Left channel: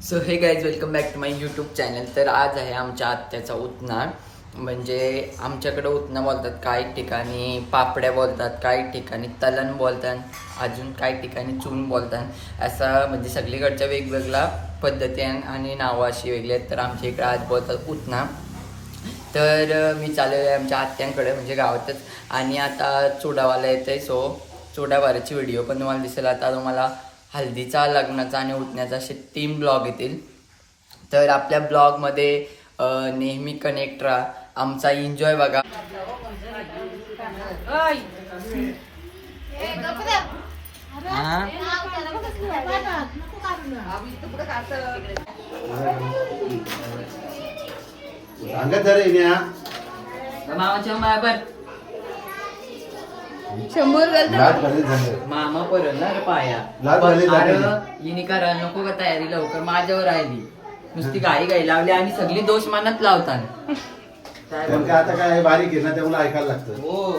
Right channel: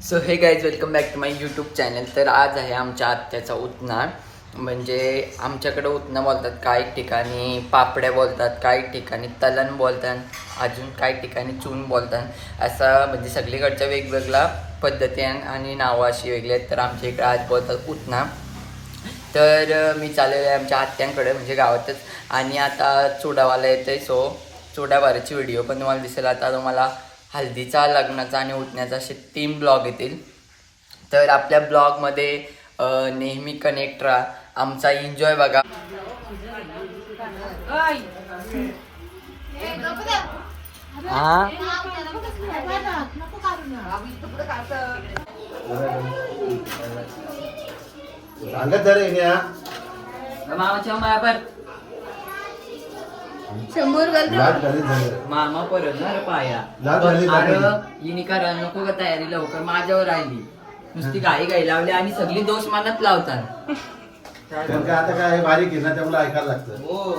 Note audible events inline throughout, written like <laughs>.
So hey guys welcome back to my YouTube channel तर आज आहे आमच्या आत्याचा उतना म्हणजे आमच्याकडे उतना बोलतात काही ठिकाणी पापड्या बोलतात काही ठिकाणी तलन बोलतात अजून काही ठिकाणी चून बोलतात. असं म्हणजे सगळीकडच्या वेगवेगळ्या पद्धती आहे आणि नावं अशी वेगळी आहेत. तर आमच्या इकडे आज बोलतात उतना तर मी चाललेलो आहे आमच्या आत्यांकडे म्हणजे गावातच. आणि आता चुडावाला येते सो चुडावाराची व्हिडिओ पण तुम्हाला दिसेल. आता तुम्हाला हल्दीचा लग्नाचा आणि उठण्याचा असे तीन ब्लॉग येतील. तर आपल्या ब्लॉगमध्ये नेहमी कनेक्ट राहा. आमचा एन्जॉय बघा. हा? मामाच्या मायाबर शंभर घालतो. मामा परत ना रे पाया. लाज पण झाली, अरे. हिने करा नको का तयारी लवकर. माझ्यावर राहिली. नुसती गाई गाई लावली आणि सगळी दोष मानत लावतात. आता काय बारीक आहे ना त्यामुळे ऐकायला लागतं. हो.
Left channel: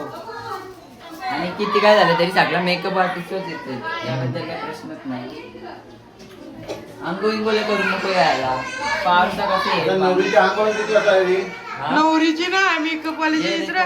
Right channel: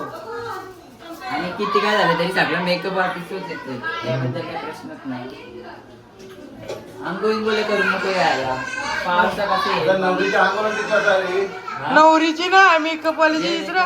आणि किती काय झालं तरी सगळं मेकअप आर्टिस्टच येते. त्याबद्दल काही प्रश्नच नाही. अंगो इंगोले करून नको यायला. पावसा आता कसे नवरीच्या अंगावर किती वाजता आली? नवरीची ना मेकअप वालीची दुसरा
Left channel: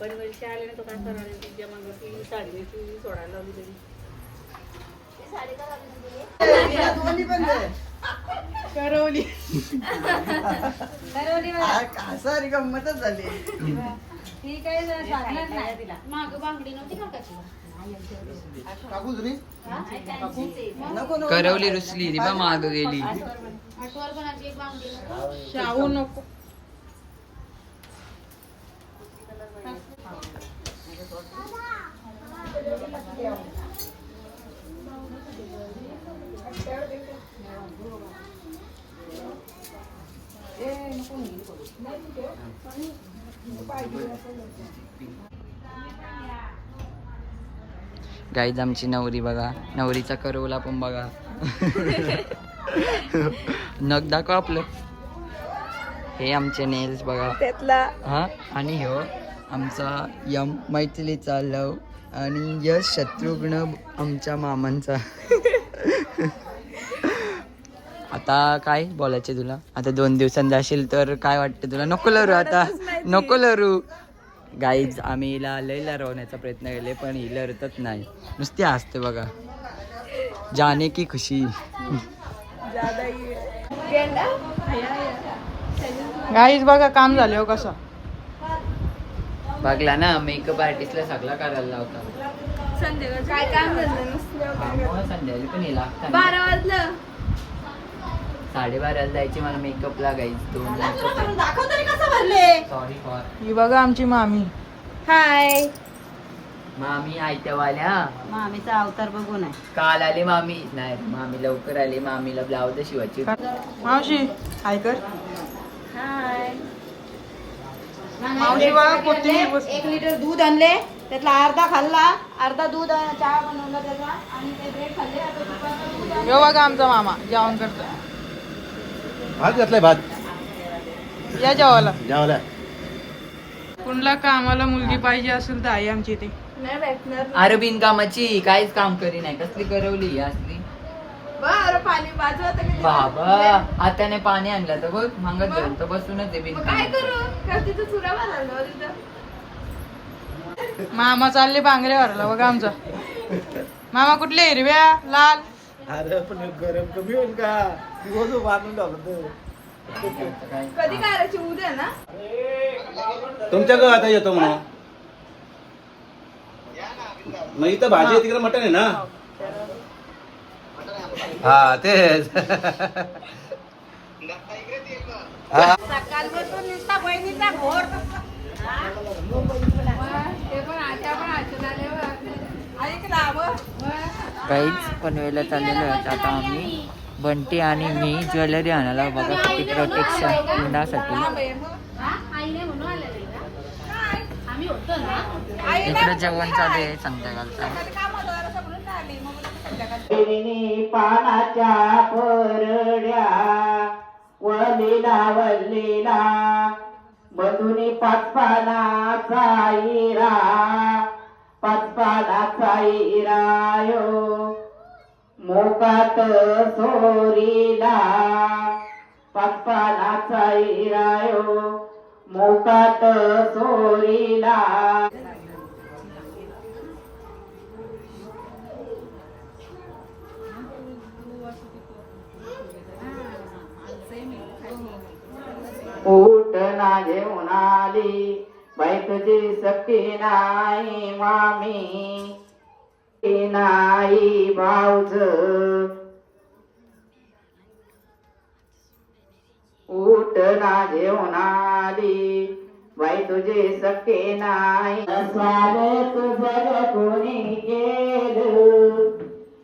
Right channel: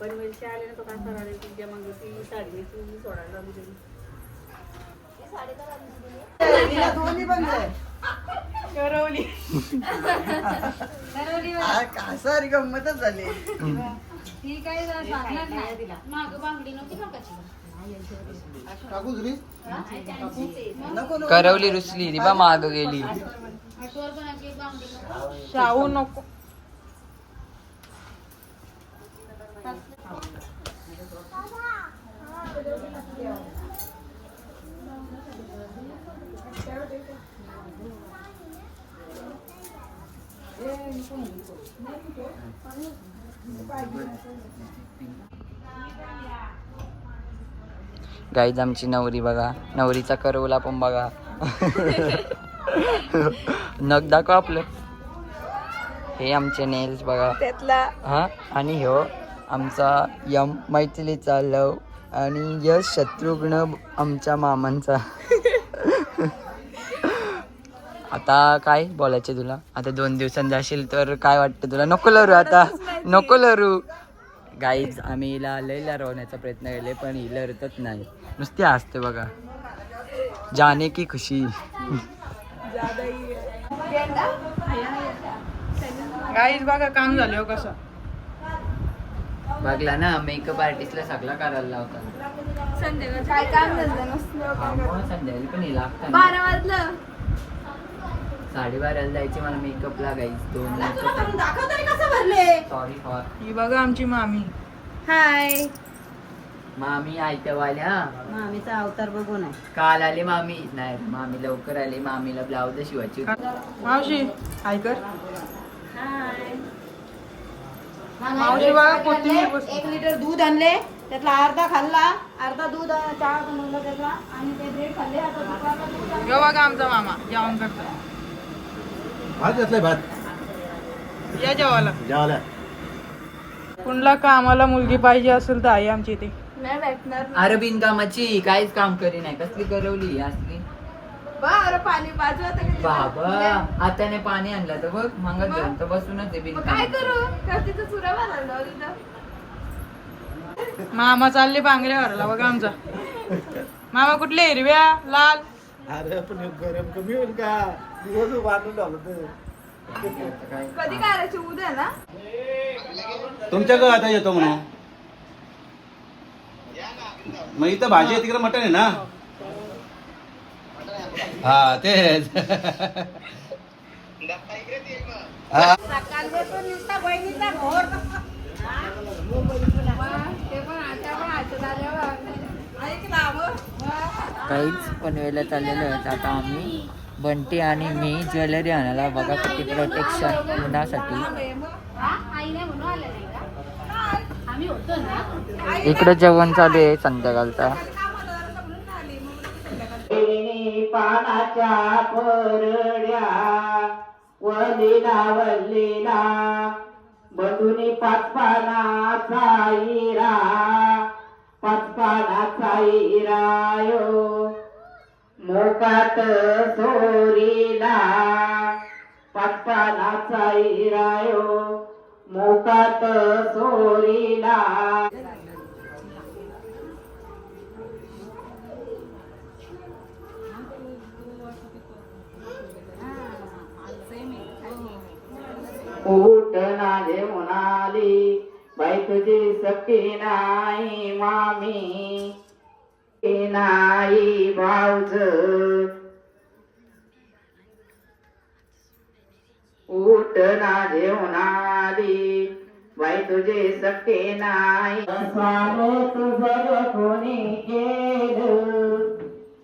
पनवेलच्या आले ना तो काय करायला तुझ्या मग ती साडी तू सोडायला लावली तरी करवली. सारी गंमतच झाली. टाकू जुनी? करवली रुसली ती बा माग गेली. राहू नको. गाईज आमची नवरी बघा. नवरीचा करवला पण बघा. नग दाखव आपलं. हे आमचे नेल्स बघा. त्यातला. हा? आणि ह्यो आमचा यम मैथिलीचा लव आणि यश शत्रुघ्न आमच्या मामांचा. आता काय बोलायचे तुला? आता दोन दिवसांनी जाशील तर काय वाटतं तुला? नको लरू आता. नको लरू. गाईज आम्ही हिला लय लरवण्याचा प्रयत्न केले पण ही लरतच नाही. नुसती हसते बघा. जाने की खुशी. गाईच बघा काम झाले हो कसं. बघला ना मेकअप आर्टिस्टला सगळा करायला लावता. काय काम झालं? संध्याकाळी पण हे लागतं बारा वाजलं. साडेबाराला जायची मला मेकअप लागायची दोन सॉरी ही बघा आमची मामी. हाय मामी आयत्या वाल्या मामीचा अवतार बघून आहे. काल आले मामी. नाही मामी लवकर आले. मामीला ब्लाउज शिवायची. मावशी हाय मावशी बघा कोथिंबीर बस एक लिटर दूध आणले. त्यातला अर्धा खाल्ला. अर्धा दूध चहा बनवला त्याचा आणि ते ब्रेड खाल्ले. आता दुपारचं दूध आहे. यो बघा आमचा मामा. जेवण करतो भात घातलाय भात. या जेवायला. जेवायला. कुणला कामाला मुलगी पाहिजे असेल तर आई आमची इथे. नाही भेटणार अरे बिनकामाची काहीच काम करी नाही. कसली करवली असली? बरं पाणी बाजू आता किती बाबा हाताने पाणी आणलं तर बघ मंगत जाईल तर बसूनच आहे मग काय करू? का तिथं चुरा मामा चालले बांगड्यावरला बघा आमचा. मामा कुठले हिरव्या लाल? अरे पण गरम कमी होईल का? काय करायची उद्या ना? तुमच्याकडे आता येतो म्हणून. मग इथं भाजी आहे तिकडे मटण आहे ना? हा तेच. सकाळपासून नुसता बहिणीचा घोर. ते पण आता पण काहीच पनवेलला चाललेलो आहेत आता आम्ही. बंटी आणि मी ज्वेलरी आणायला बघा किती प्रोटेक्शन उन्हासाठी आम्ही इकडं जेवण चालू आहे संध्याकाळचा. पानाच्या परड्या वलीला वल्लीला बंधुनी पाच पानाचा इरा पाच पानाचा इरायो मोकात सोरीला. पाच इरायो मोकात सोरीला. ऊट नागे म्हणाली बाई तुझी सक्ती नाही मामी. नाही भाऊज उठ ना घेऊन आली बाई तुझे सक्के नाही. स्वाल तुझं कोणी केलं?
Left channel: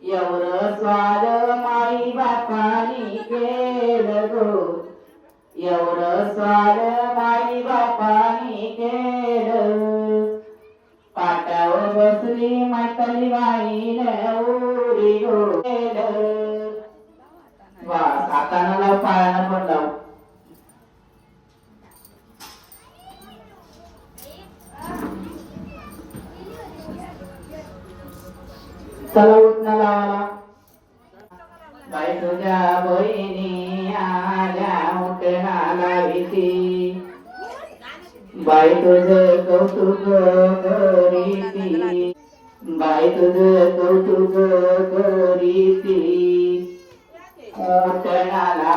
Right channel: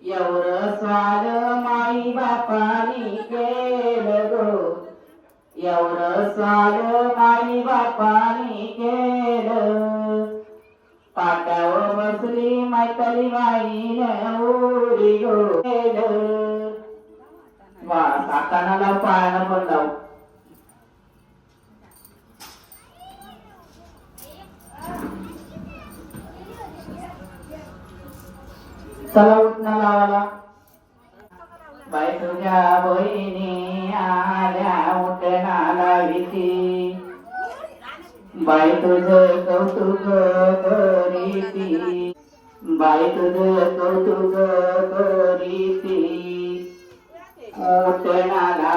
एवढं स्वाल माई बापानी केलं गो. एवढं स्वाल माई बापानी केलं. पाट्यावर बसली म्हातारी बाई बाई तुझ कौतुक करीती बाई तुझ कौतुक करीती उठणाला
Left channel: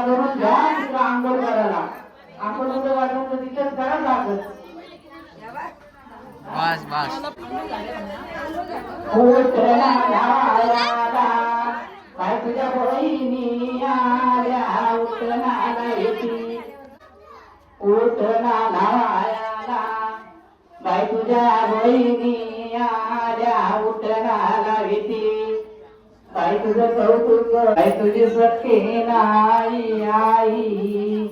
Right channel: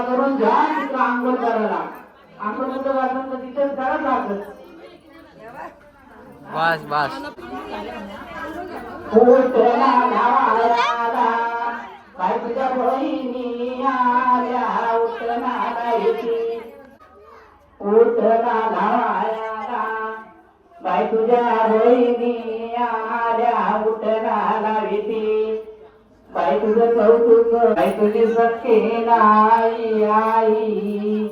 करून घ्या तिथं आंघोळ करायला आपण कुठं वाटून तिथंच करा लागत बस बस उठणाला तुझ्या बहिणी आल्या उठणाला भीती उठणाला वायाला बाई तुझ्या आल्या तुझं कौतुक तुझी नाही आई.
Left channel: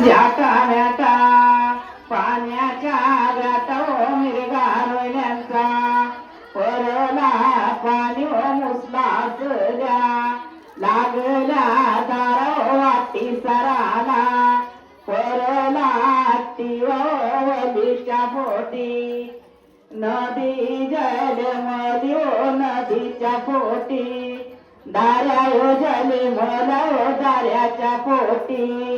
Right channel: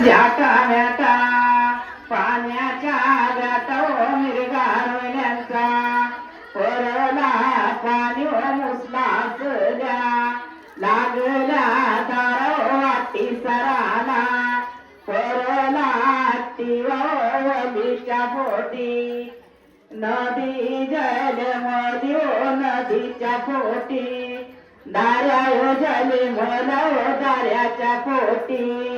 जाटा म्याटा पाण्याच्या जाटा मिरगा पोटी नदी जल मध्यो नदीच्या पोटी. दार्या जल मला पोटी.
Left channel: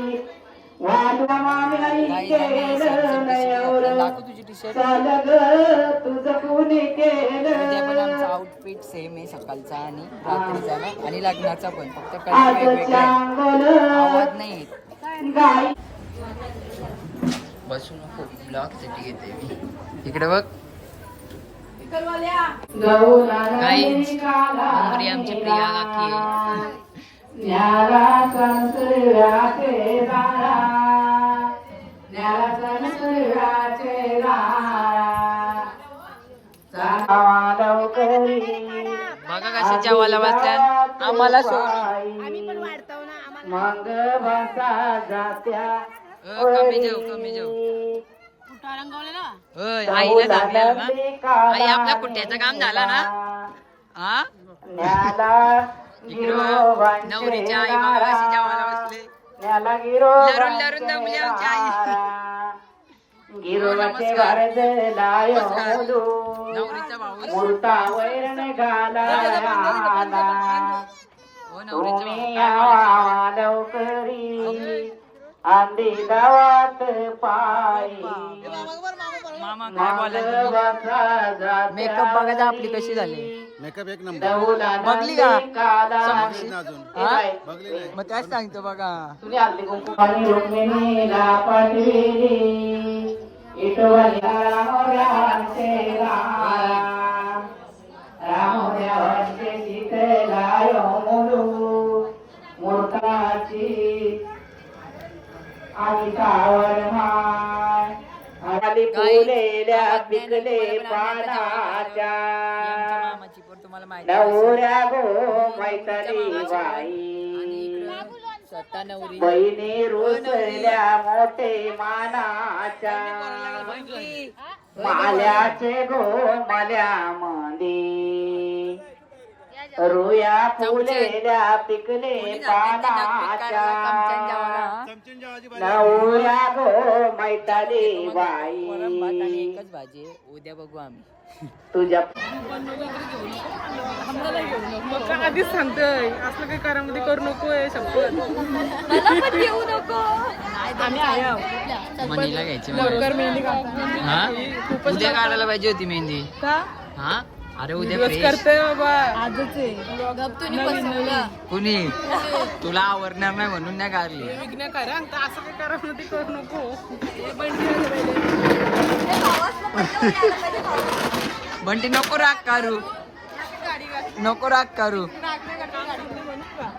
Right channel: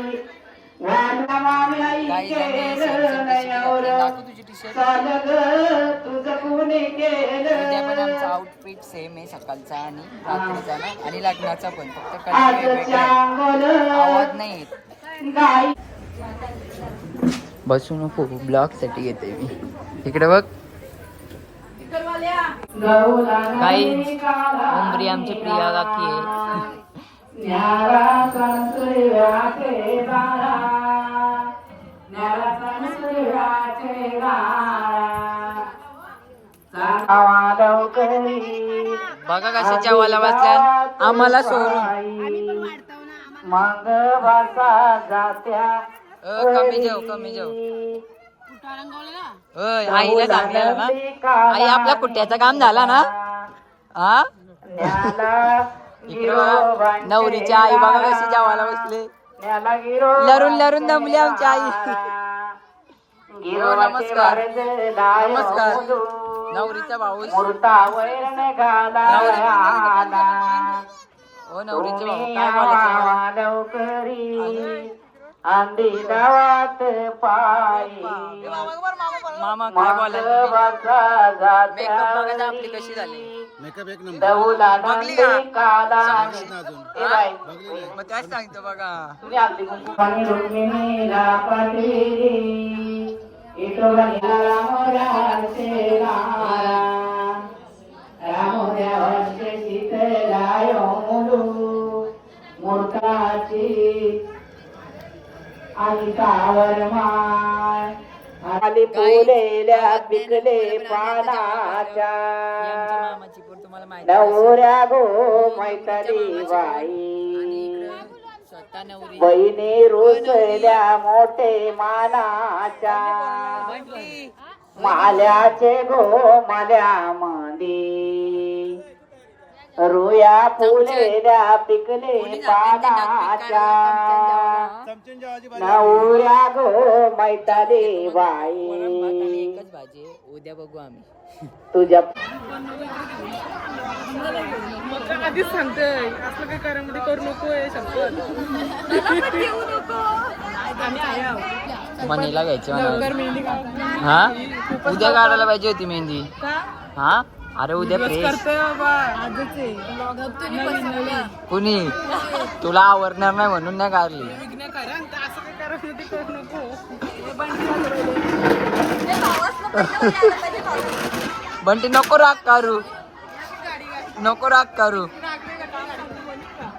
आउटफिट सेम आहे सकाळचा आणि रात्रीचा ना. आणि लग्नाचा पण. फक्त आवाज नाही बसू नको ब्लॉगसाठी येते मी. इकडे बघ. उमरी आमची प्रिया काकी बघा कसे जेवायला बसल्यात आम्हाला सोडून. मग बसा जात्या. कमी जेव कमी जेव. होय आईला सांगलेलं ना. आई आपल्या कुट्याचं काम झाला ना. हा इकडे बघा, नवरीची आई बघा कशी जेवायला बसले. लरून लरून दमली आमची आई. हो, नमस्कार. नमस्कार. नवरीचा भाऊ. हो नवरीचे भाऊ. काय बोलायचं? अंडी गावात पायी. मामा काय आपली कशी झाली? मेकअप एक नंबर. बघली का? अजून. हा? मग त्याच सांगतो बघा. आणि रुक्मिणीला पाठविली. इटोबाला राम राम सेवा रामोद्या वर्षे शीतलायो मुलू. मूर्ताची आणि कावड माय आली फुलेल्या पिकले पानाच्या. मामाची पण तुम्हाला माहिती नवऱ्या गो मैतरी बाई. स्वतः नवरी. बहिणी रुसल्या मोठे मानाच्या. माल्याचे गो माल्या मंदी रुया फुलेल्या पिकले पानाच्या नवऱ्या गो मैतारी बाई एकच भाजी आहे. उद्या बघू आम्ही. तुझ्या मग आधीच सांगतोय. असलं काही करामध्ये करू नकोय शपथ आम्ही आहे आहो. मनीला घ्यायची लवकर मेहंदी काढता. हा? खूपच उद्या काढायला पाहिजे होती मेहंदी. का? हा? अरे उद्या दिवस फ्रेश करते बाबा. आजच आहे. नवीन नवीन. कुणी? तुला आवडणार नाही म्हणून नाही काढली विघ्न करा आणि असं काही करामध्ये करू नको. हे बंटी आलं पहिले. बंटी नको राग करू नको राग करू राग नाही करता, म्हणून का?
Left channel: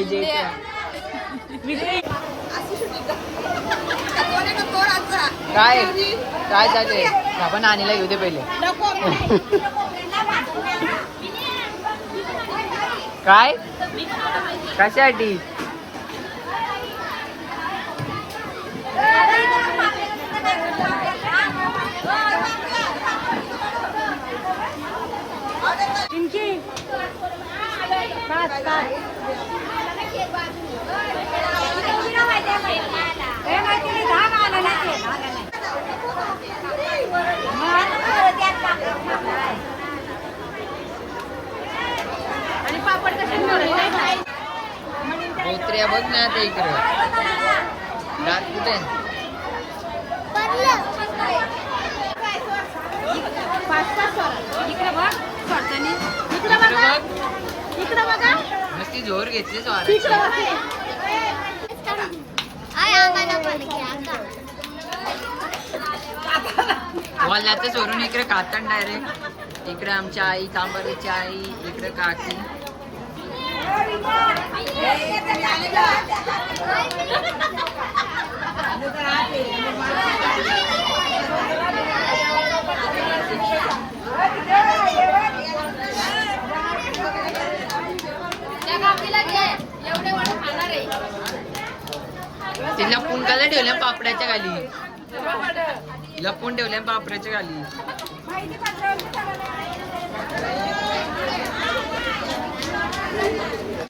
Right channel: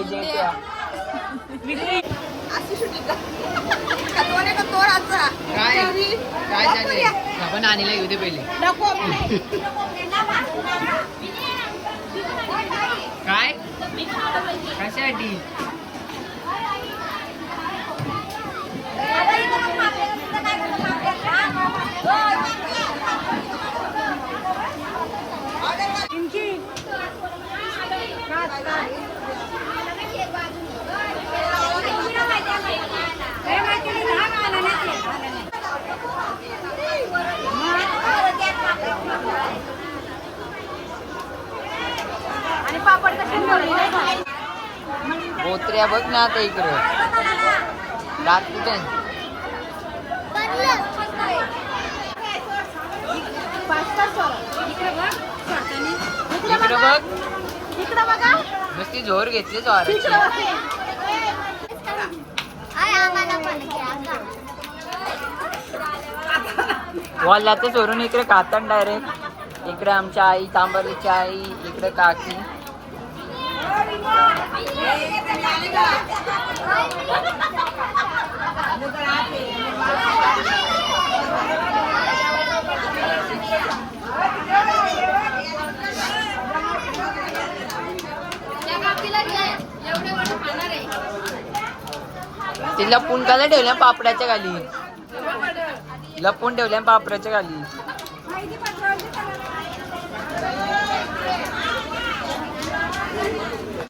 इथे आहे. काय? काय चाललंय आपण आणीला घेऊ दे पहिले. <laughs> काय? कशासाठी? बोत्र्या बघ ना आता इकडे. दात कुठे? नुसती जोर घेतली स्वाराची. वल्ल्याचं चोरून इकडे खातात डायरेक्ट इकडे आमच्या आई तांबरीची आई इकडे काकी. ती लपून का ठेवल्या पापड्याच्या खाली लपून ठेवल्या पापड्याच्या खाली